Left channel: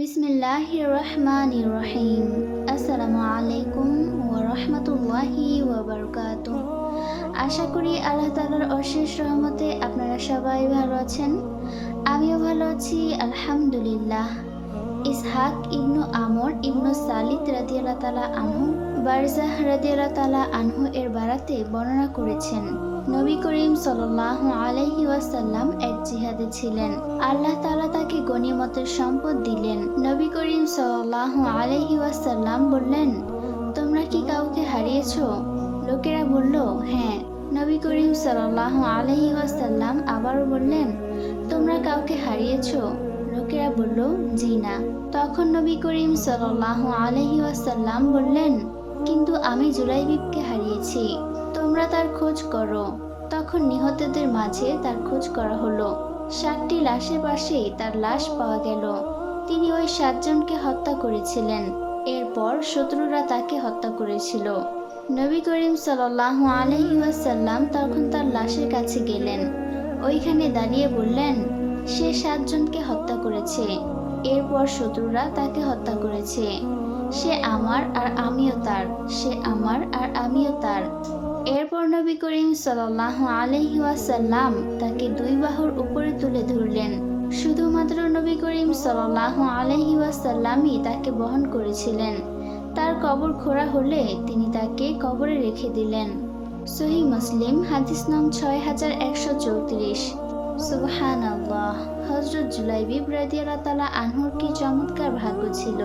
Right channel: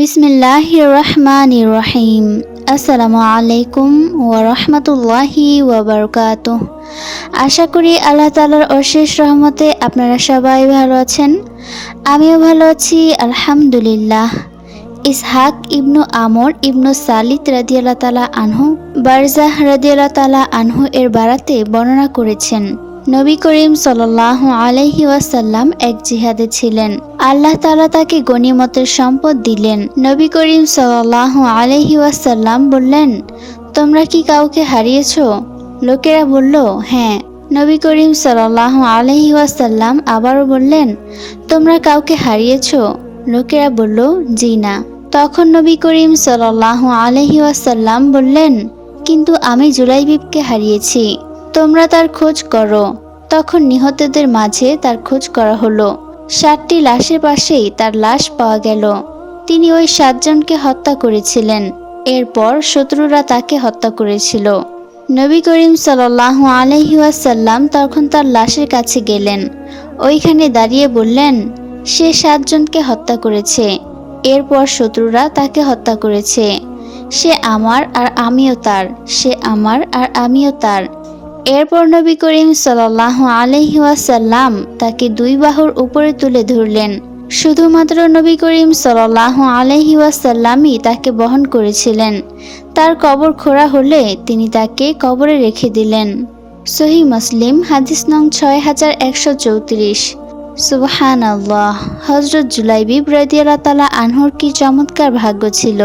বিসমিল্লাহ রহমান রহিম আসসালামু আলাইকুম ওয়া রহমতুল্লাহি ওয়াবারকাত আশা করি আল্লাহ তালার অশেষ রহমতে আপনারা সবাই ভালো আছেন। আমিও ভালো আছি, আলহামদুলিল্লাহ। ইসহাক ইবনু আমর ইবনু সালিত রাদিয়াল্লাহ তালা আনহু, বারজাহ রাদিয়াল্লাহ তালা আনহু এর বারাতে বর্ণনা করেছেন নবী করিম সাল্লাহ আলাইহি ওয়াসাল্লাম এক জিহাদে ছিলেন। আল্লাহ তাআলা তাকে গনিমতের সম্পদ দিলেন। নবী করিম সাল্লাহ আলাইহি ওয়াসাল্লাম বললেন, তোমরা কি কাউকে হারিয়েছ? লোকেরা বলল হ্যাঁ। নবী করিম সাল্লাহ আলাইহি ওয়াসাল্লাম আবারও বললেন, তোমরা কাউকে হারিয়েছো? লোকেরা বলল, জি না। তখন নবী করিম সাল্লাহ আলহি ওয়াসাল্লাম বললেন, কিন্তু আমি জুলাইবিবকে হারিয়েছি। তোমরা তার খোঁজ করো। তখন নিহতদের মাঝে তার খোঁজ করা হলো। সাতটি লাশের পাশেই তার লাশ পাওয়া গেল। তিনি ওই সাতজনকে হত্যা করেছিলেন। এরপর শত্রুরা তাকে হত্যা করেছিল। নবী করিম সাল্লাহ আলহি ওয়াসাল্লাম তখন তার লাশের কাছে গেলেন। ওইখানে দাঁড়িয়ে বললেন, সে সাতজনকে হত্যা করেছে। এরপর শত্রুরা তাকে হত্যা করেছে। সে আমার আর আমিও তার। সে আমার আর আমিও তার। এরপর নবী করিম সাল্লাহ আলহি ওয়াসাল্লাম তাকে দুই বাহুর উপরে তুলে ধরলেন। শুধুমাত্র নবী করিম সাল্লাহ আলহি ওয়াসাল্লামই তাকে বহন করেছিলেন। তার কবর খোঁড়া হলে তিনি তাকে কবরে রেখে দিলেন। সহি মুসলিম, হাদিস নং ছয় হাজার একশো চৌত্রিশ। সুবহান আল্লাহ হজরত জুলাইবি রাদিয়াল্লাহ তালা আনহুর কি চমৎকার ভাগ্য ছিল।